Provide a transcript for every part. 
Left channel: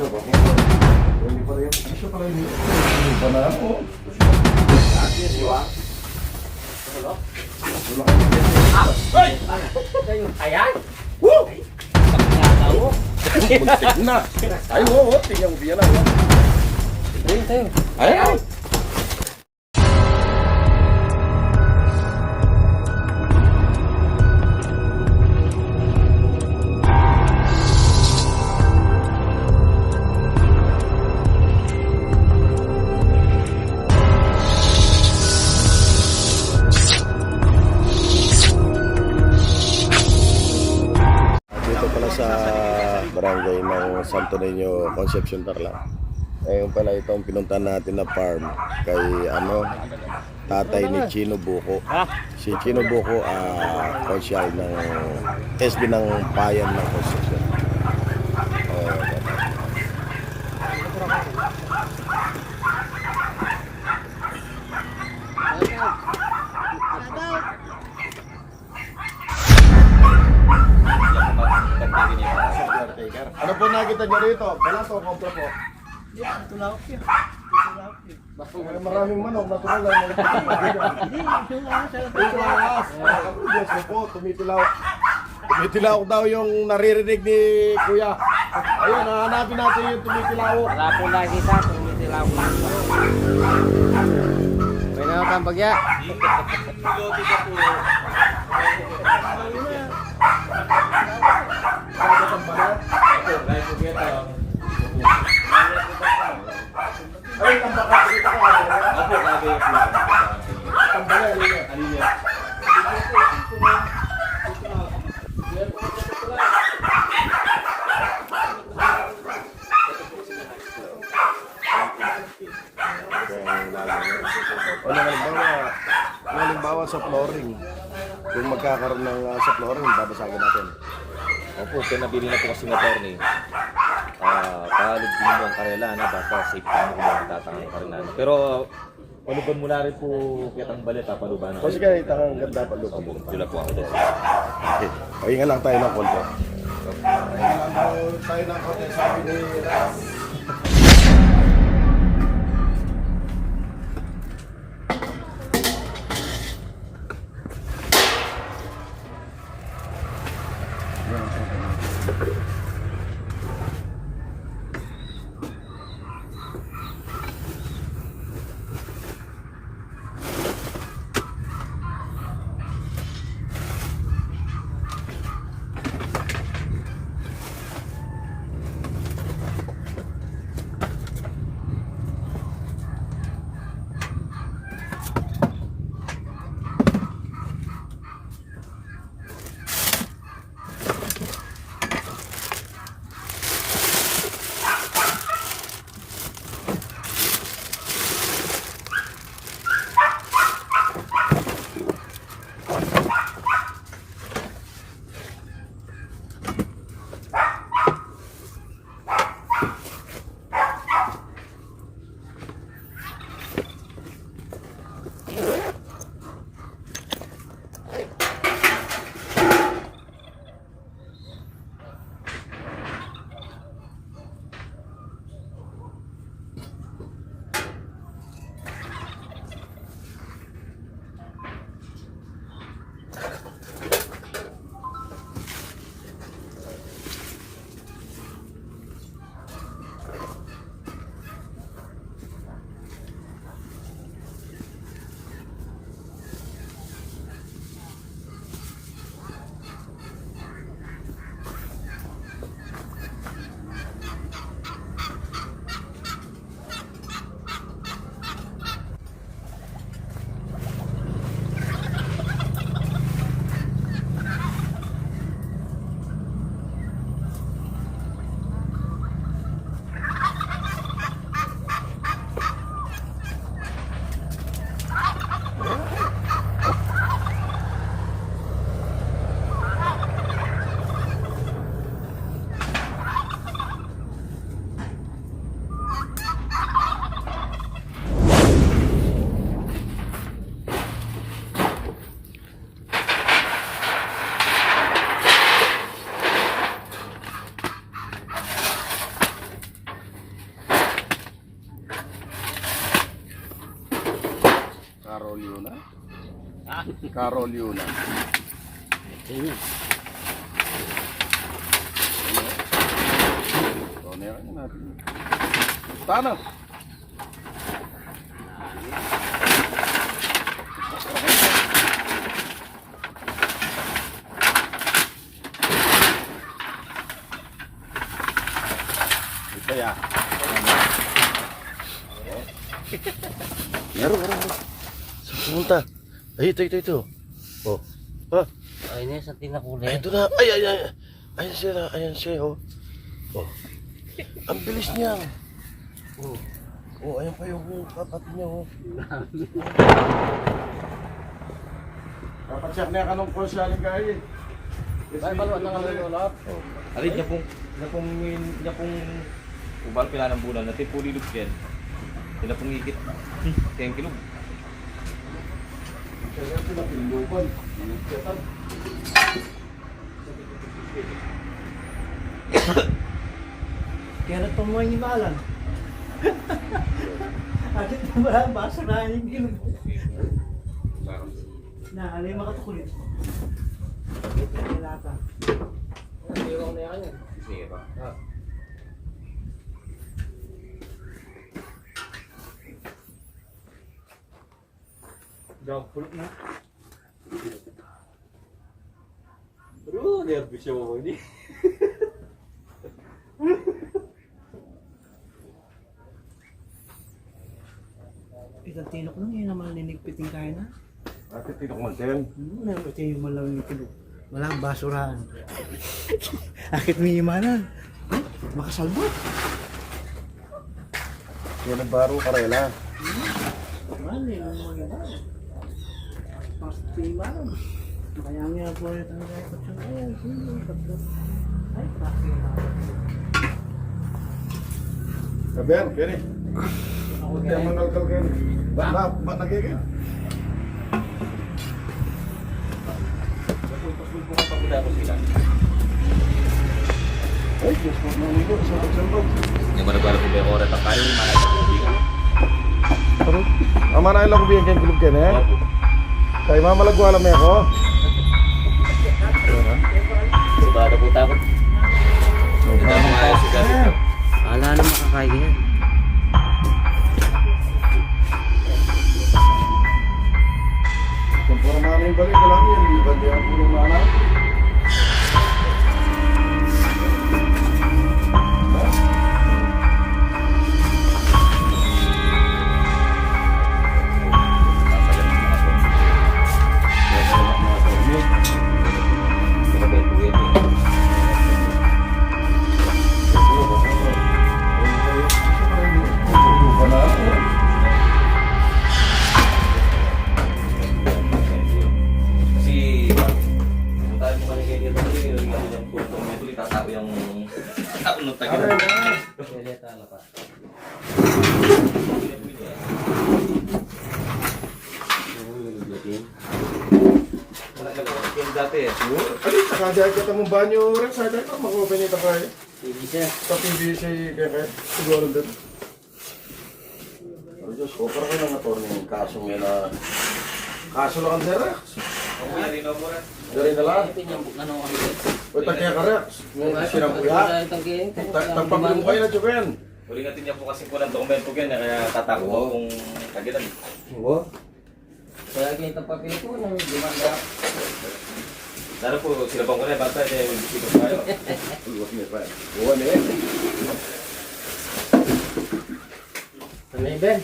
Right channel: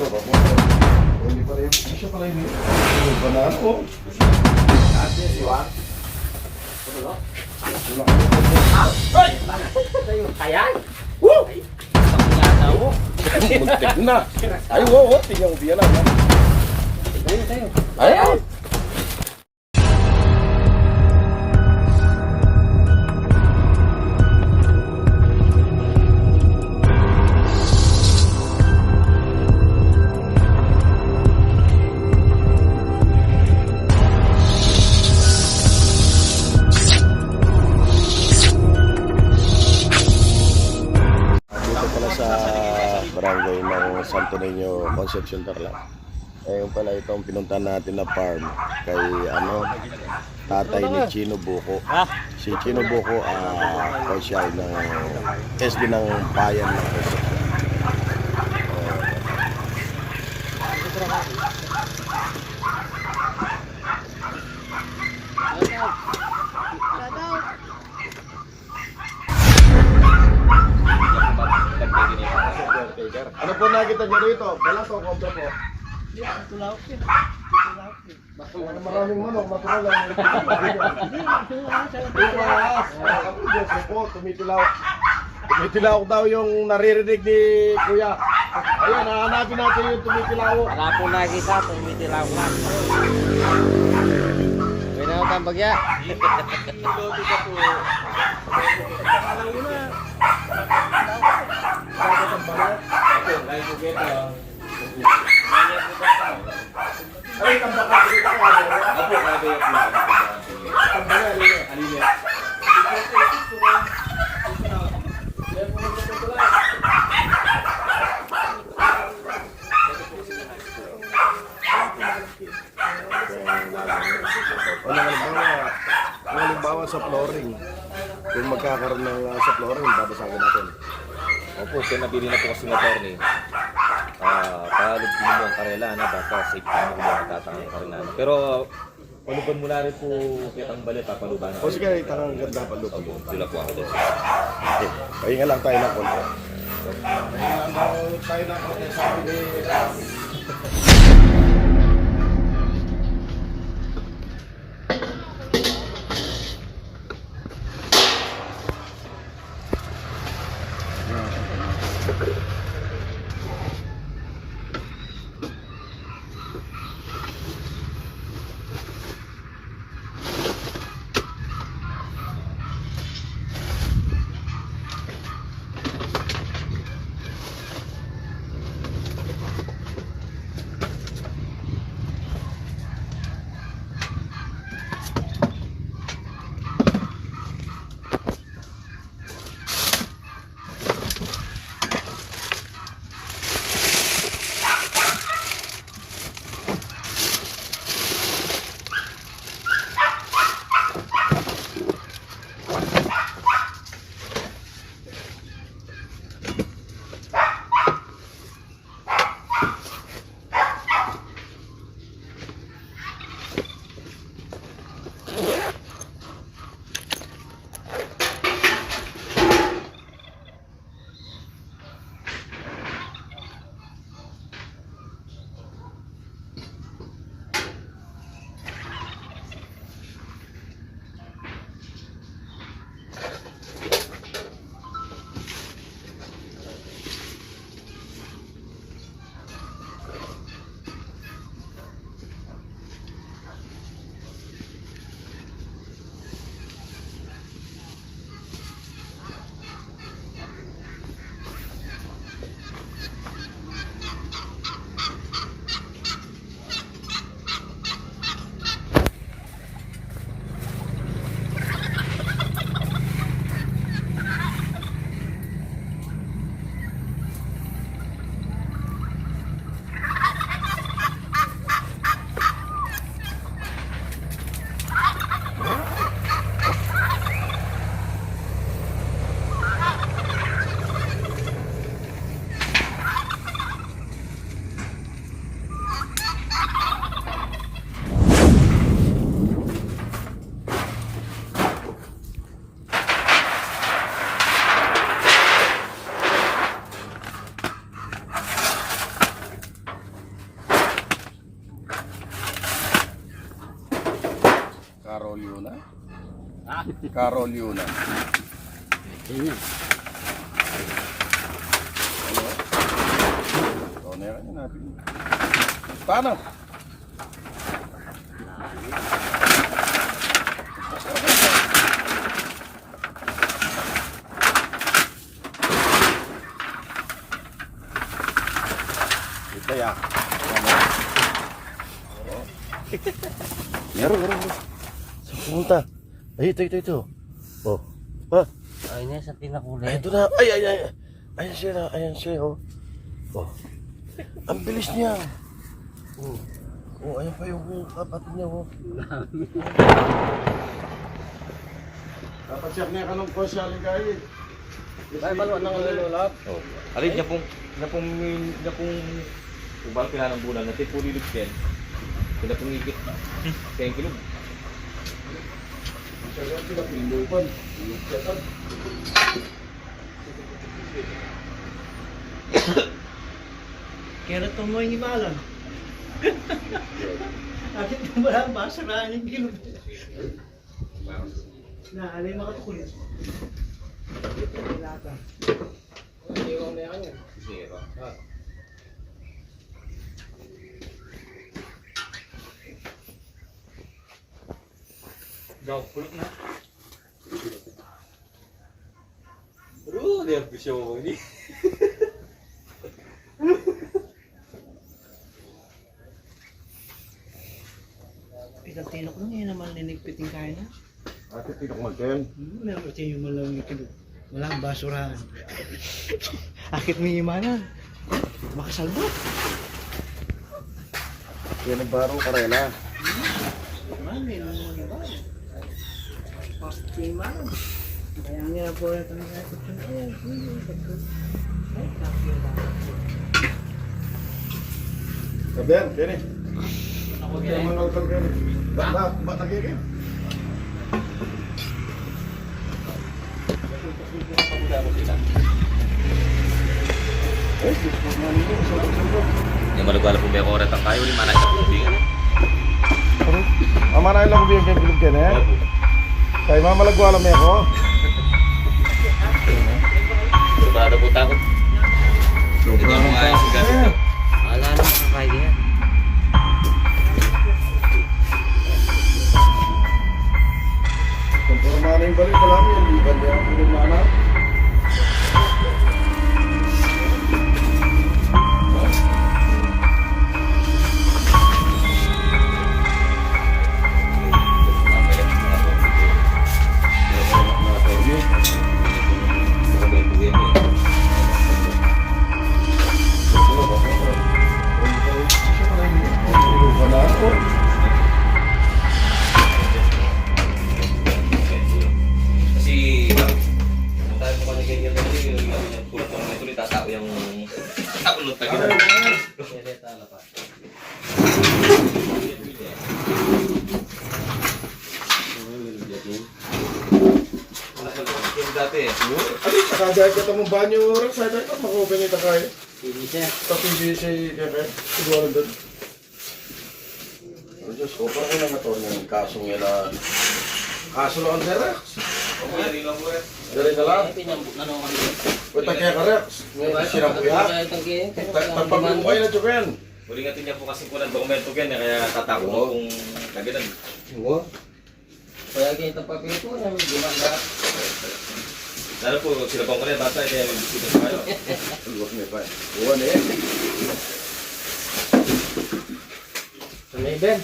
Ano ba? Hindi pala yung... Siya pala yung... Hindi pa na ako. Ayan! Woo! Pakilata mo. Muntik na. Ay, oo. Tingnan mo biya lang. ha? Ay, ng Santo Niño, Concepcion Tarlac. Ayun pala itong pinuntahan natin na farm kay ano tatay ni Chino Buko. Si Chino Buko ah konsyal ng SD ng bayan ng Concepcion. Po nakita niyo rito? Balas o kompra po? Maraming manok, natural lang. Tumaas. Ako, Diyos ko po, tumitilaw. Tumitilaw daw yung naririnig ni Kuya. Ayun, nahanapin natin yung tumitilaw. Wala ko lagi sa tumitilaw ka. Pwede na ang bagya. Dagat ang balat. Ay, tambaka, dito ka. Apo, tambaka, alin Ano halimbawa, ano halimbawa sa flooring, kung magkakaroon ng uh, sa flooring, babasagin natin. Opo, pinabili na po kasi ng attorney. Ah, palad din mo ang karela na basta safe mo kung matatangang karela na. Pero paluban mo na rin po kitang balita paluban na. O sige, tangang ganda pa lupa. Opo, sila po ako doon. Okay, pahinga lang tayo ng konti. Pahinga lang tayo ng konti, sabi ni Carol Yuna. Ano? Ano yan natin? Paano? Ito ya. Meron, meron, meron. Saan pumunta? Ay, ito, ito, ito. Oh. Oh, Ay, na sa tinakuli. ay, ito na. Ay, ay, ay. Ayan siya na. Ayan siya, oh. Oh. Ang bilis niya. Oh. Oh, ayan pa yung kapatid niya, oh. Dapat siya na kanong ko siya ligay. Ay, maluwat na kami ulap. Oh. Alin niya pong, niya pong, niya pong, ubal pila ng bulan, natin po lilog din. Sila pong. Kaya yung kilog. Kaya nagpamuhay ni mo ba ang basa na yung kilog? Na, yung makatukulit? Wala pa. Zero. Daw, pulot na. Bro, nervous siya mo ini. Pinagtinok mo niya naman linigpitin kaya na. Ate, tinok mo din. Hmm, meron ko yung malang yung kilog. Malang basurahan. Akit mo yung Malang. Makasalbo. Yan ang baro karela. Marami naman mga iba. Malang? Kaya nga po ito ang kaya ko siya. Ay. Ay. Kabiyan, kini. Kaya mo nang kagyan. Ba, ba, ba, nagiging? Ay, Diyos ko na nito. Sabag-sabag. Yung malagala po may ang kayo, manay sa tubig. Ano? Ama na ilang kubiyan kayong kilog yan eh. Opo. Kaya mamalagwala may ako. Sobrado po takot. Hindi na mga ayos. Wala na makakain yan. Mana yung balik, wala mo yan. Di ba niya puro mana? Dati eh. Ano, nakadahit ka tamang banyo, Rex. Ay, tayo, makuha niya tayo. Hindi siya. Tapos hindi siya kaya siguro doon. Pero Diyos ko, parang kailangan ito ng kasong yan na... Kaso lang ang Rex. Dari na lang. Ay, pinambuk na naman kami. Pwede kaya ka Rex. May sinampuya. Kaya. Tagpapagulong kayo na Joken. Uli nga niya po kasi walang dokumento eh, kaya Oo. ako kung tagilan. Oo. Kaya papel ko na may gumanda. Lalo po, sila bang ulit, bata, kaya may bisita pa kayo. Luwag niya pa. Buwan na yan. May Ben.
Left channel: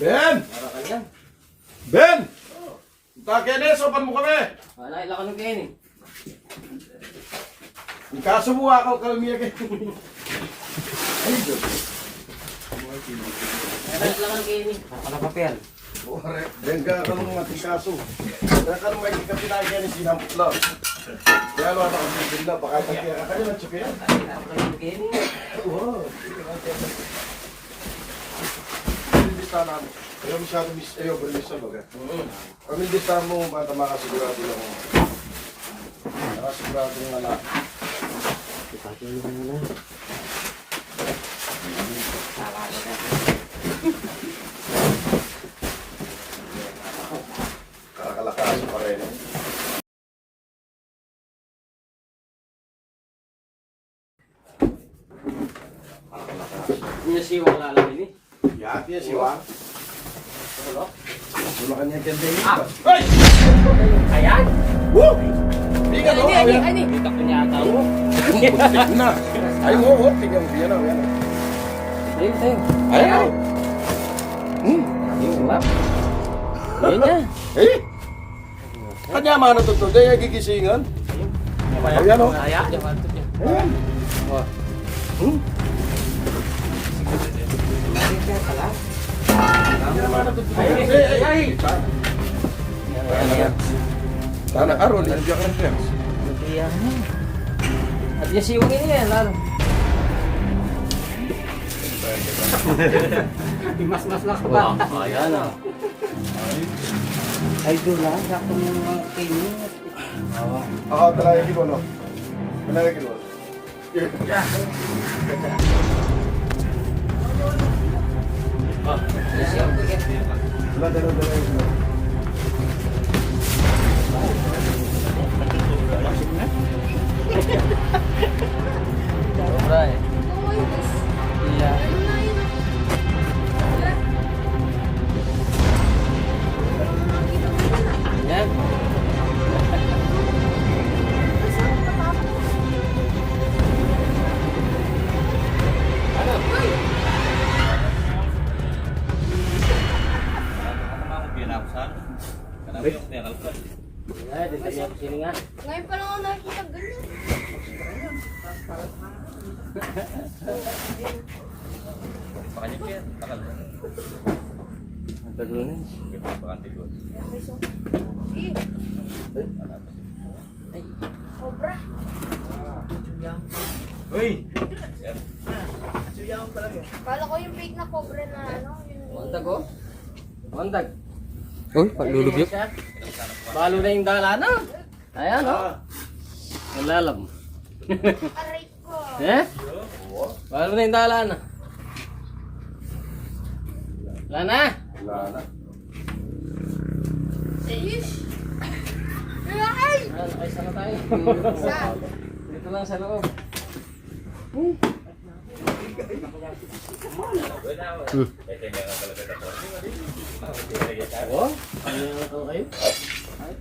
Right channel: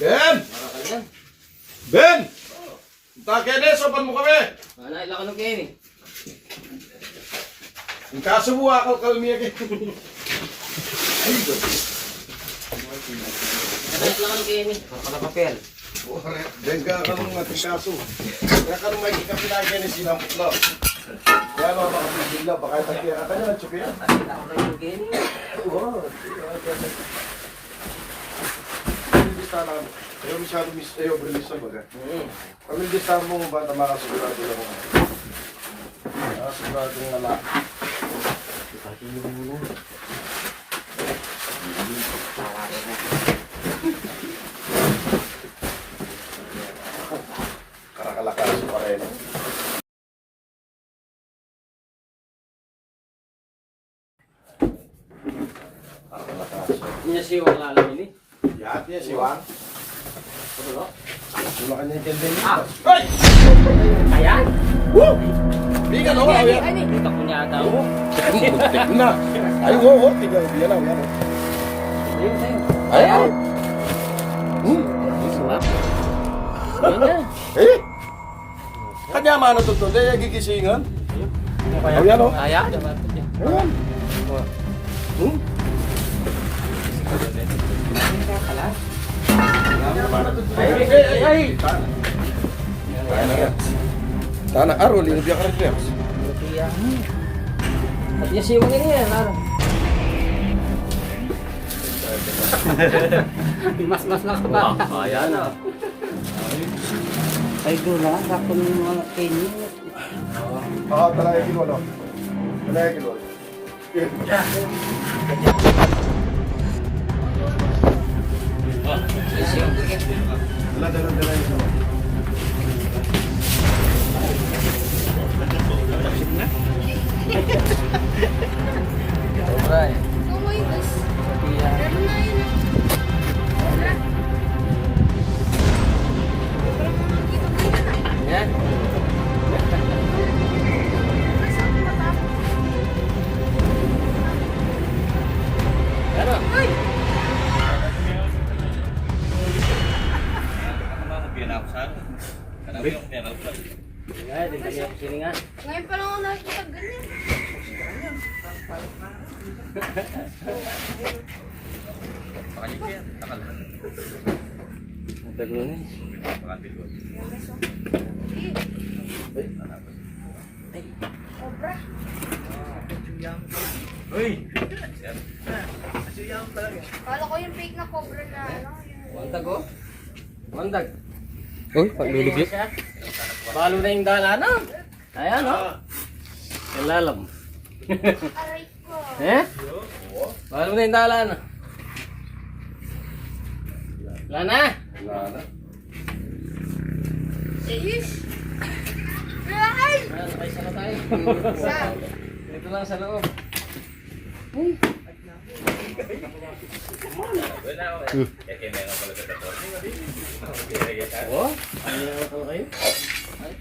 Ben! Para ka lang. Ben! Takene, sopan mo kami! Ano, ilan ka nung kain eh. Ang kaso mo ako kalmiya kay... Ay, Diyos. Ano, ilan ka nung kain eh. Baka na papel. Buware. Den ka ka nung ating kaso. Kaya ka nung may kapilagyan ni Sinamplo. Kaya lo, baka tagkira ka kanya ng tsukin. Ay, ilan ka nung kain eh. Oo. Pamilista namin. Ayaw masyado mis... Ayaw, brilista baga. Pamilista mo, bata makasigurado lang. Makasigurado ng lalaki. Karakalak Niya si wala lang ini. Yat yan si Juan. Wala ka niya tenda niya. Ayan. Di ka no? Ayan. Butak ko niya agaw. Buntik na. Ay, oo, oo. Tingnan mo yan. Ayan. oh. Ayun, ayun. Ayan. Hmm. Ayan yan. Eh. Kanya mano to to. Daya gigisingan. Ayan oh. Ayan. Ayan. Hmm. Sana karon din biya karon pers. At yung siwang ini yan, ano? mas mas mas ka ba? Ayan ah. Ay doon ah, bakit yung mga kayo? Oo, talaga kilo no. Talaga kilo. Dala dala dala. Sobra Ang tagulo na. Cobra. Kala ko yung fake na cobra na ano. Yung... Wandag oh. Wandag. Uy, paglulubyot. Balo na yung dalana. Ayan oh. Kalalam. Aray Eh? Balo na yung dalana. Wala na. Wala na. Ayan, nakaisa na tayo. Dito lang sa loob. Oh, ano kayo? Ay,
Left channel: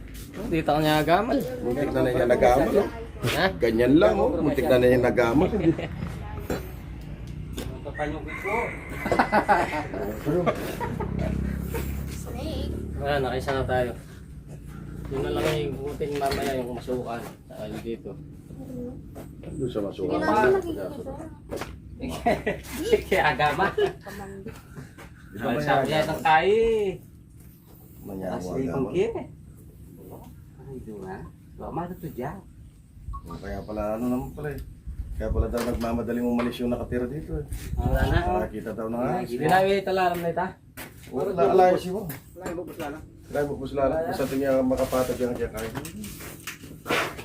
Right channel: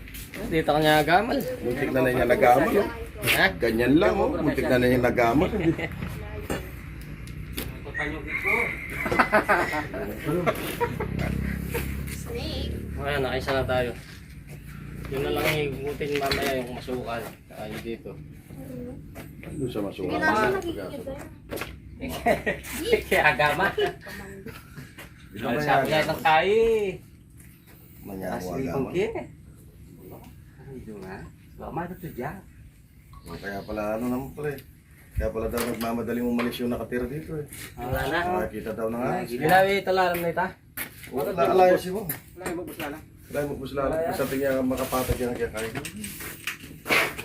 Dito ka niya gamal. Muntik na nagamal. oh. Ha? Ganyan lang oh. Muntik na na niya nagamal. Hindi. Snake. Wala, nakaisa na tayo. Yun na lang igutin mamaya yung masukan. Ay, dito. Doon siya masuka. Hindi namin nakikita ba? Kaya agama. Sabi niya sa tayo eh. Manyawa kong Ay, doon ha. Lama na to dyan. Kaya pala ano naman pala eh. Kaya pala daw nagmamadaling umalis yung nakatira dito eh. Wala na. Nakakita daw na nga. Ginawi talaram na ita. Wala na alayas si Wong. Dahil mo busla Sa tingin makapatag yan kaya kahit.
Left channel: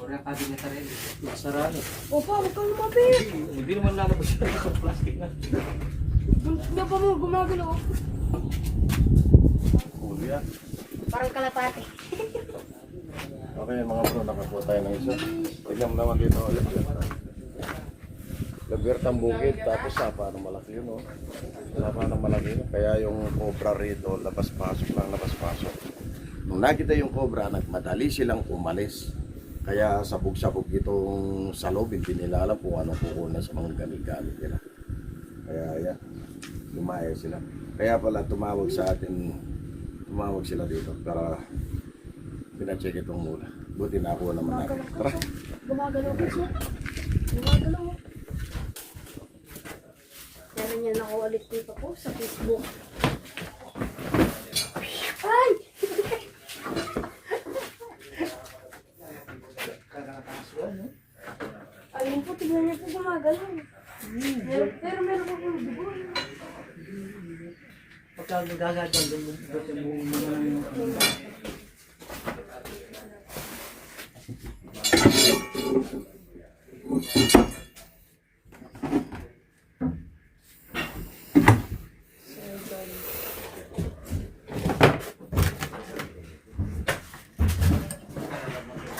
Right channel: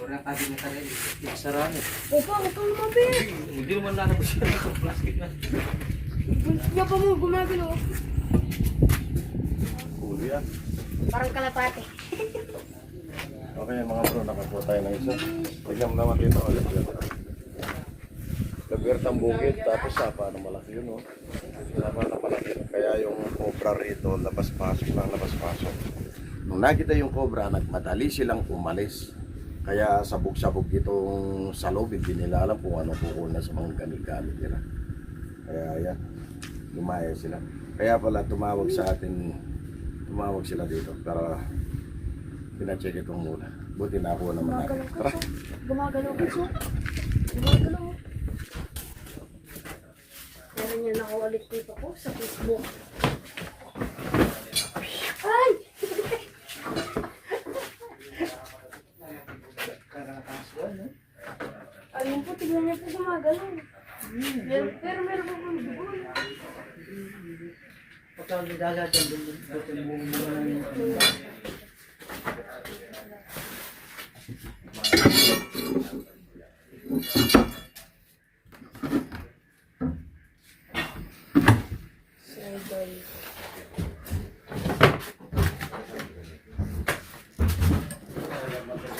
Wala din na tayo. Masarami. Opa, huwag kang lumapit. Hindi naman lalabas siya ng plastic na. Hindi pa mo gumagalaw. Ulo yan. Parang kalapate. Okay mga bro, nakakuha tayo ng isa. Tignan mo naman dito. oh, Labir. Labir ang tapos sapa na malaki yun, oh. Sapa na malaki. Kaya yung cobra rito, labas-pasok lang, labas-pasok. Nung nakita yung cobra, nagmadali silang umalis. Kaya sabog-sabog itong sa loob, hindi nila alam kung anong kukunan sa mga gamit-gamit nila. Kaya yan, lumaya sila. Kaya pala tumawag sa atin, tumawag sila dito para pinacheck itong muna. Buti na ako naman natin. Tara. Gumagalaw ko siya. Gumagalaw. Meron niya nakawalit dito ko sa Facebook. Ay! Ayun po, tignan niya po gumagalaw. Pero, pero meron po pong dugo. Pagka nagagagan doon doon sa buong mga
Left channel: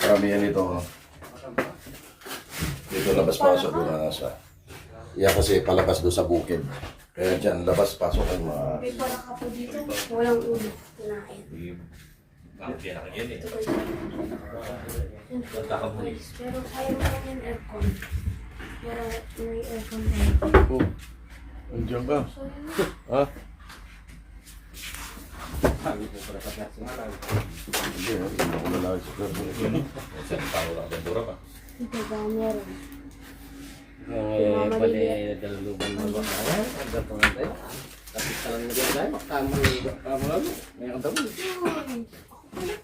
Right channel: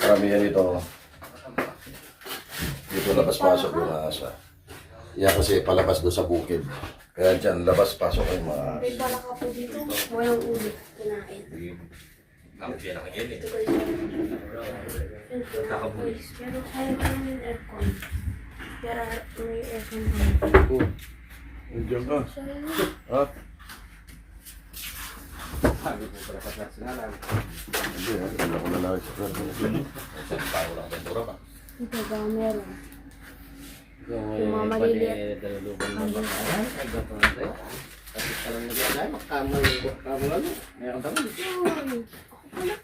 Karamihan ito. Dito labas-pasok yung asa. Yan kasi palabas doon sa bukid. Kaya dyan, labas-pasok ang mga... May baraka po dito. Walang ulo. Kinain. Ang eh. Yun po, guys. Pero ayaw ko namin aircon. Kaya may aircon din. Oh, Andiyan ka. Ha? Sabi ko para sa personalan. Hindi, ha? Hindi ako lalaki sa personal. Tao lang ang bura ka. Ito ba meron?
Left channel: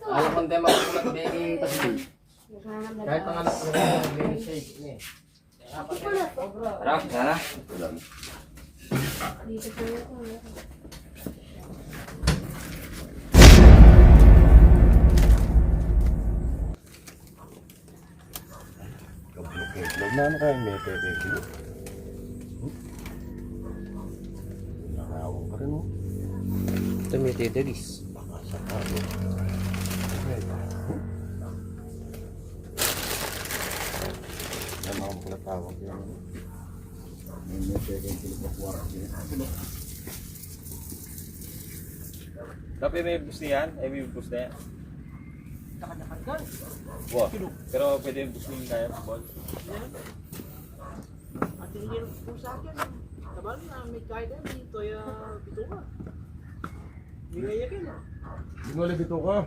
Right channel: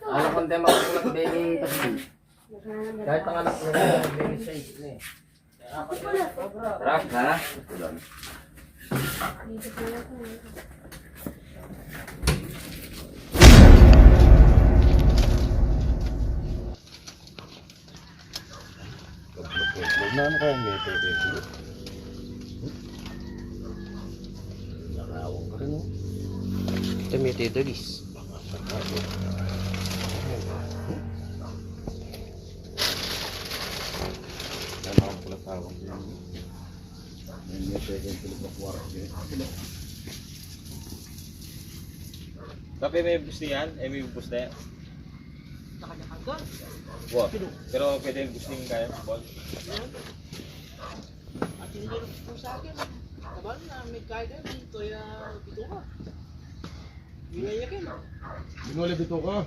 Alam ko hindi makukulat baby pasti. Kahit ang anak mo na baby size na eh. Ras, ha? Dito po na po. Kablok-kablok na ano kaya may pwede. Nakawang ka rin, oh. Ito may. Baka sakalo. Yan ako pala tawag yan. May tulog na kuwarap yun. Kape may boost yan? Eh, may boost na yan? Wow. Pero pwede yung boosting kaya sa ball. At hindi rin po sa akin. Kabal na may kaya dito ya bito ka. Bilayakin. Ginuli dito ka.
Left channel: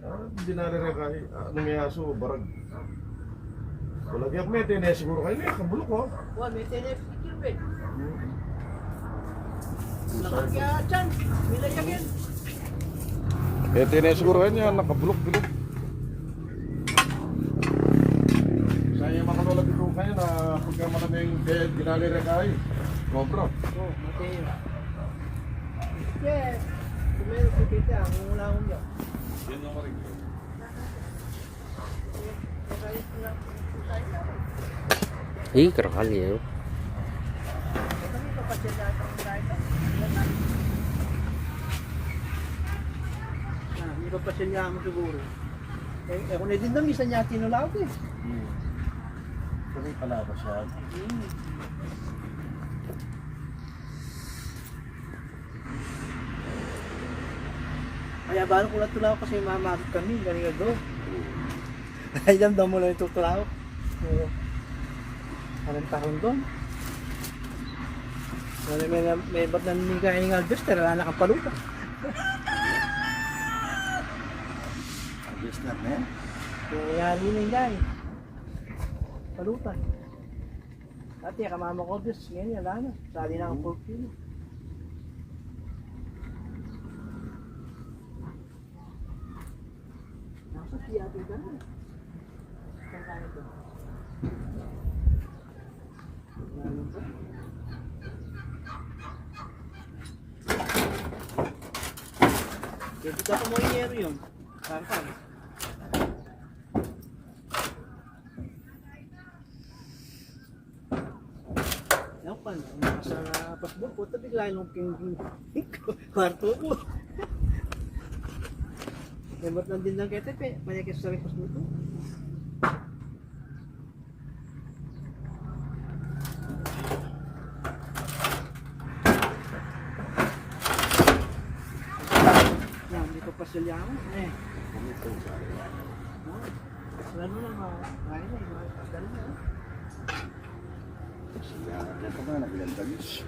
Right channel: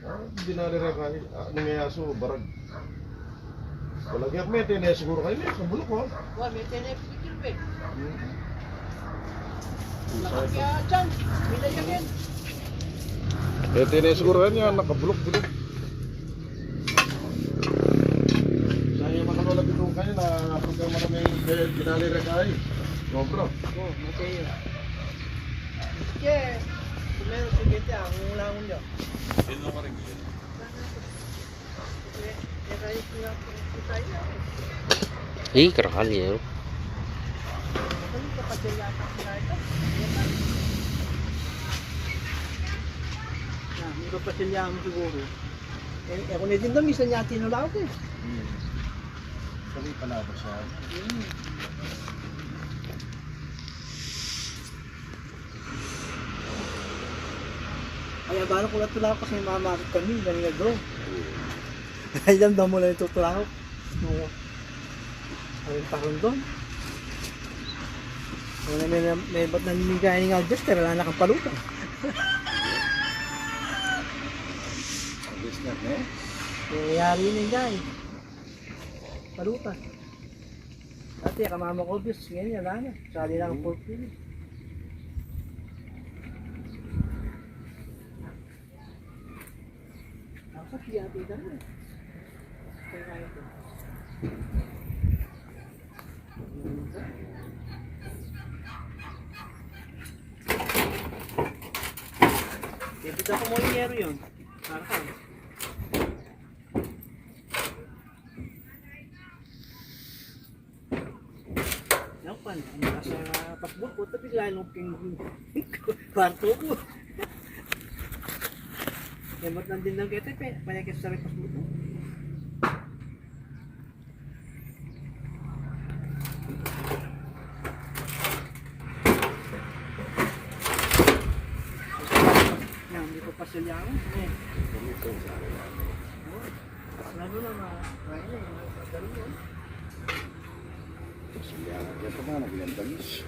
Ah, Hindi na rin kaya. Ah, Nangayaso, barag. Walagyan may tinaya siguro kayo. May kabulok ko. Wa may tenep pikir be. Hmm. Nakakya chan. Bilayakin. Eh, tinaya siguro kayo. Nakabulok-bulok. Sayang makanola dito kayo na pagka kaya ginali rin kayo. Sobra. Oh, matay. Yeah. Kumero si Bete ang langon niya. Sino ka rin? Eh, yun. Ah, hindi pa silya mo siguro. Eh, eh kung hindi na misa niya tinulaw eh. Hmm. Tuloy pala ba siya? Kaya balo ko na tulaw kasi mamakit kami, galing na bro. Ay, damdam mo lang ito tulaw. Oo. Anong tahon doon? Wala may, may ba't nanigay ng Albert, pero wala nakapalutan. Alis na, eh. Nangyayari yun yung guy. Palutan. Dati, kamama ko, Diyos, ngayon, wala na. Sali na ang fulfill. Nasa kiyati ka na. Kaya ko. Ano ba? Dito mo yung yero yun. Ka. Yan pa, nasa pasbol ping kwarto ko. Emot lang din lang kete, panya kasi sa pasbol ko. Yan, hindi ko pa sila ako. Eh. Wala mo na makain eh. Ganun mo. Siya, yan ka ba? Nagilantagis.